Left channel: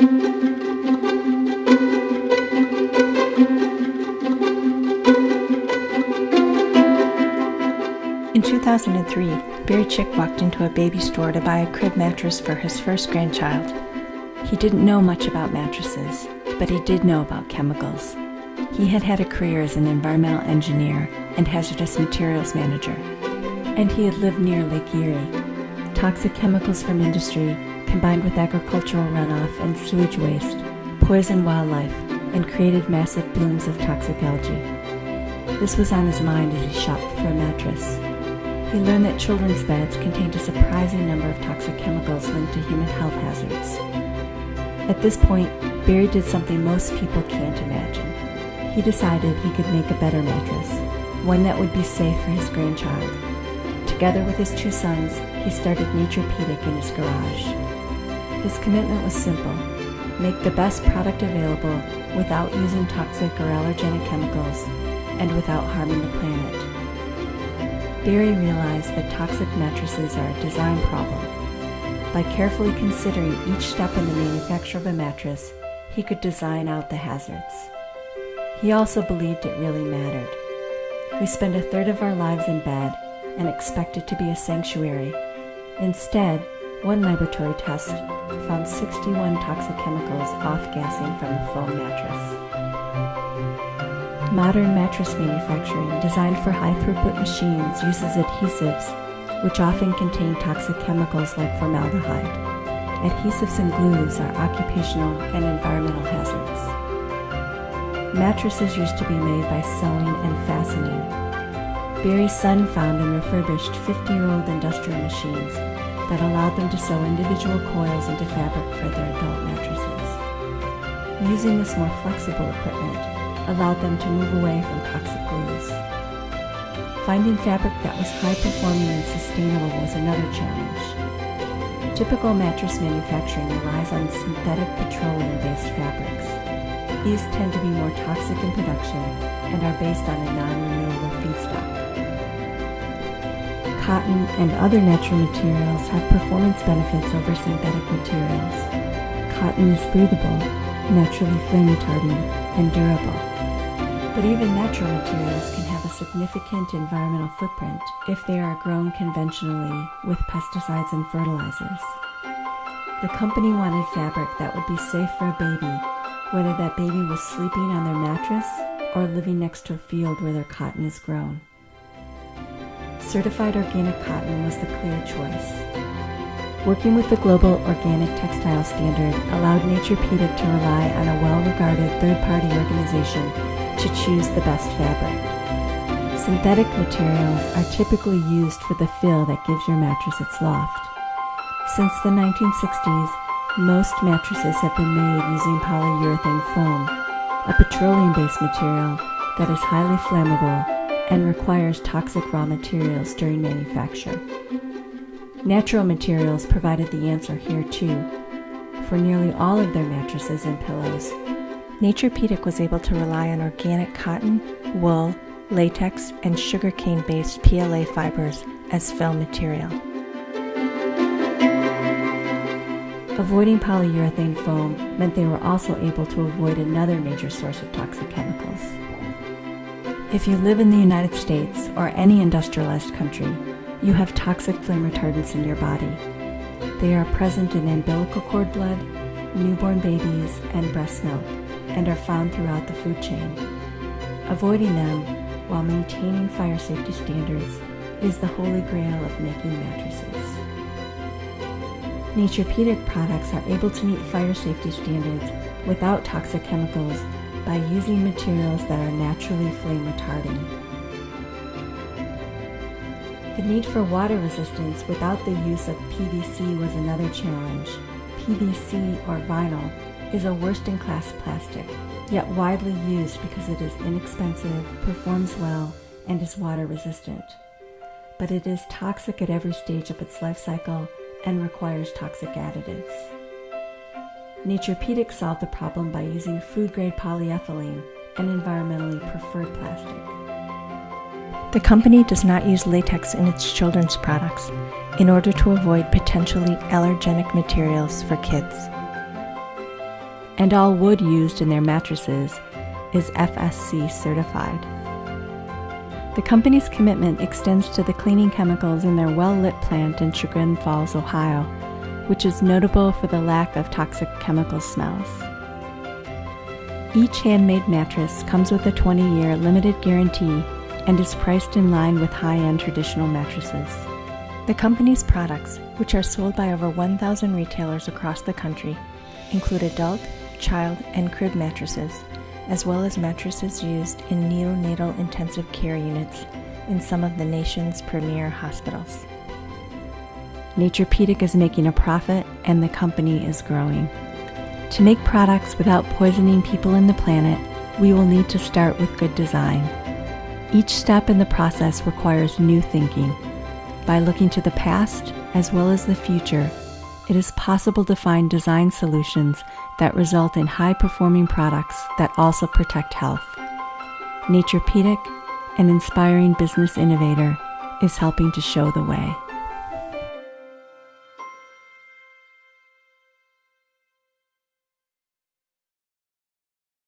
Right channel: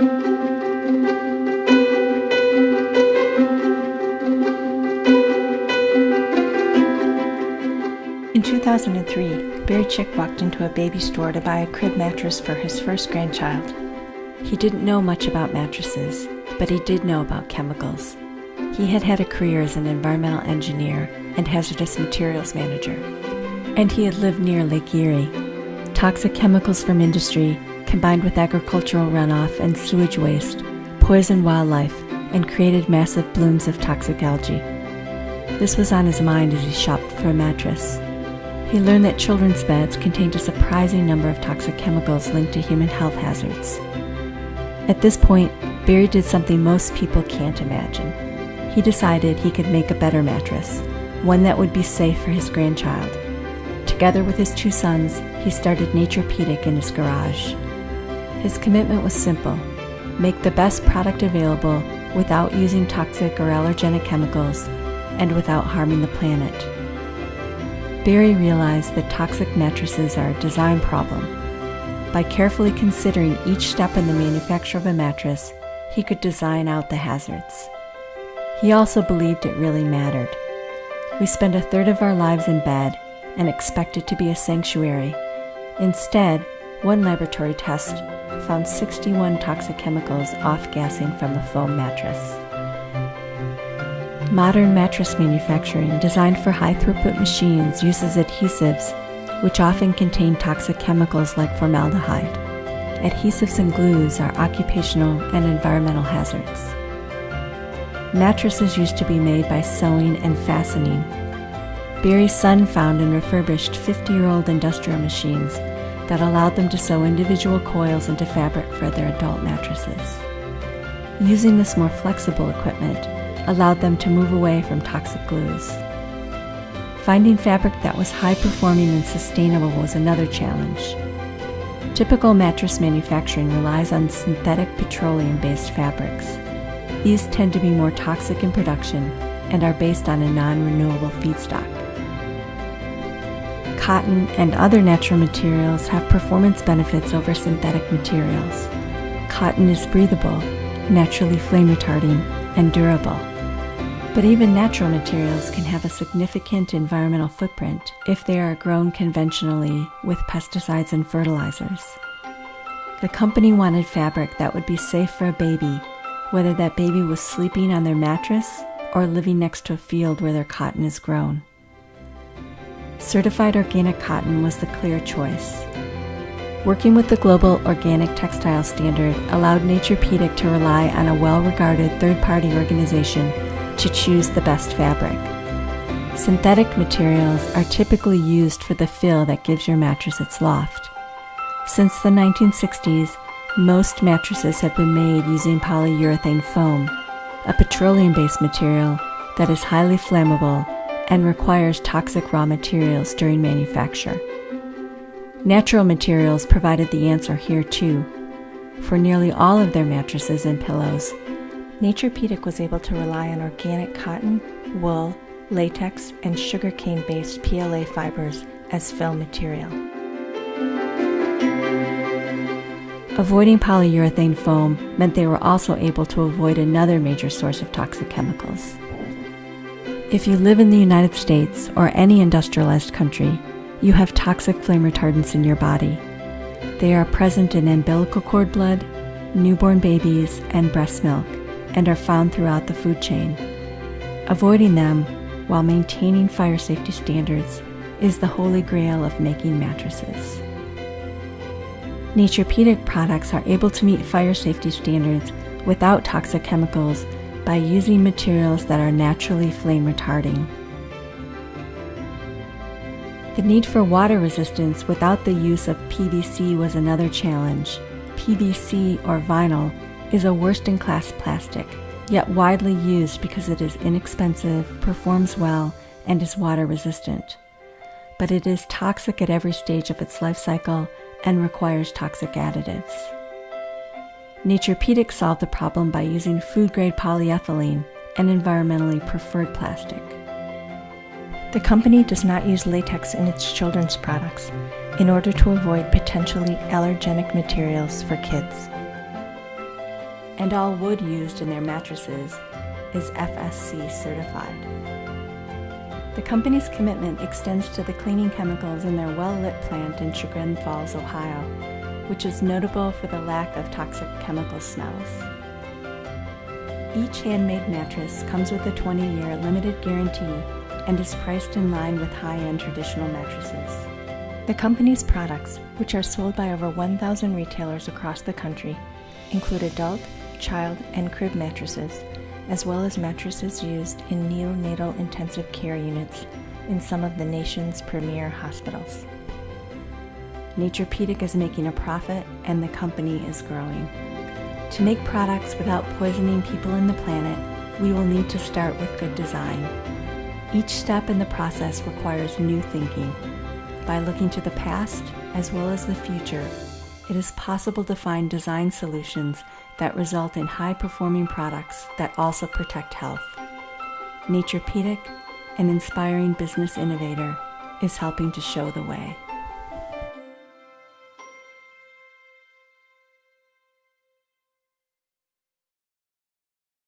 In 2003, Barry Chick walked into a baby store to buy a crib mattress for his first grandchild. He didn't know much about mattresses, but he did know about chemicals. He had had a career as an environmental engineer and hazardous materials manager, and he had lived near Lake Erie. Toxic chemicals from industry, combined with agricultural runoff and sewage waste, poisoned wildlife and created massive blooms of toxic algae. This was on his mind as he shopped for a mattress. He learned that children's beds contained a surprising number of toxic chemicals linked to human health hazards. At this point, Barry did something most people can't imagine. He decided he could make a better mattress, one that would be safe for his grandchild. Together with his 2 sons, he started Naturepedic in his garage. His commitment was simple: make the best product available without using toxic or allergenic chemicals and without harming the planet. Barry realized that toxic mattresses are a design problem. By carefully considering each step in the manufacture of a mattress, he could design out the hazards. He also believed it really mattered. We spend a third of our lives in bed and expect it to be a sanctuary. Instead, one laboratory test found 61 toxic chemicals off-gassing from the foam mattress. Modern mattress manufacturing, designed for high-throughput machines, uses adhesives, which often contain toxic chemicals like formaldehyde. Adhesives and glues are occupational and environmental hazards. Mattresses used to be made by sewing and fastening. Barry's son found and refurbished 50-year-old industrial machines that allowed them to sew individual coils into fabric for their adult mattresses. Using this more flexible equipment allowed them to move away from toxic glues. Finding fabric that was high-performing and sustainable was another challenge. Typical mattress manufacturing relies on synthetic petroleum-based fabrics. These tend to be more toxic in production and are based on a non-renewable feedstock. Cotton and other natural materials have performance benefits over synthetic materials. Cotton is breathable, naturally flame-retarding, and durable. But even natural materials can have a significant environmental footprint if they are grown conventionally with pesticides and fertilizers. The company wanted fabric that would be safe for a baby, whether that baby was sleeping on their mattress or living next to a field where their cotton is grown. Certified organic cotton was the clear choice. Working with the Global Organic Textile Standard allowed Naturepedic to rely on a well-regarded third-party organization to choose the best fabric. Synthetic materials are typically used for the fill that gives your mattress its loft. Since the 1960s, most mattresses have been made using polyurethane foam, a petroleum-based material that is highly flammable and requires toxic raw materials during manufacture. Natural materials provided the answer here too. For nearly all of their mattresses and pillows, Naturepedic was able to rely on organic cotton, wool, latex, and sugarcane-based PLA fibers as fill material. Avoiding polyurethane foam meant they were also able to avoid another major source of toxic chemicals. If you live in the United States or any industrialized country, you have toxic flame retardants in your body. They are present in umbilical cord blood, newborn babies, and breast milk, and are found throughout the food chain. Avoiding them while maintaining fire safety standards is the holy grail of making mattresses. Naturepedic products are able to meet fire safety standards without toxic chemicals by using materials that are naturally flame retarding. The need for water resistance without the use of PVC was another challenge. PVC, or vinyl, is a worst-in-class plastic, yet widely used because it is inexpensive, performs well, and is water resistant. But it is toxic at every stage of its life cycle and requires toxic additives. Naturepedic solved the problem by using food-grade polyethylene, an environmentally preferred plastic. The company does not use latex in its children's products in order to avoid potentially allergenic materials for kids. and all wood used in their mattresses is FSC certified. The company's commitment extends to the cleaning chemicals in their well-lit plant in Chagrin Falls, Ohio, which is notable for the lack of toxic chemical smells. Each handmade mattress comes with a 20-year limited guarantee and is priced in line with high-end traditional mattresses. The company's products, which are sold by over 1,000 retailers across the country, include adult, child, and crib mattresses, as well as mattresses used in neonatal intensive care units in some of the nation's premier hospitals. Naturepedic is making a profit, and the company is growing. To make products without poisoning people and the planet, we will need to start with good design. Each step in the process requires new thinking. By looking to the past as well as the future, it is possible to find design solutions that result in high-performing products that also protect health. Naturepedic, an inspiring business innovator, is helping to show the way.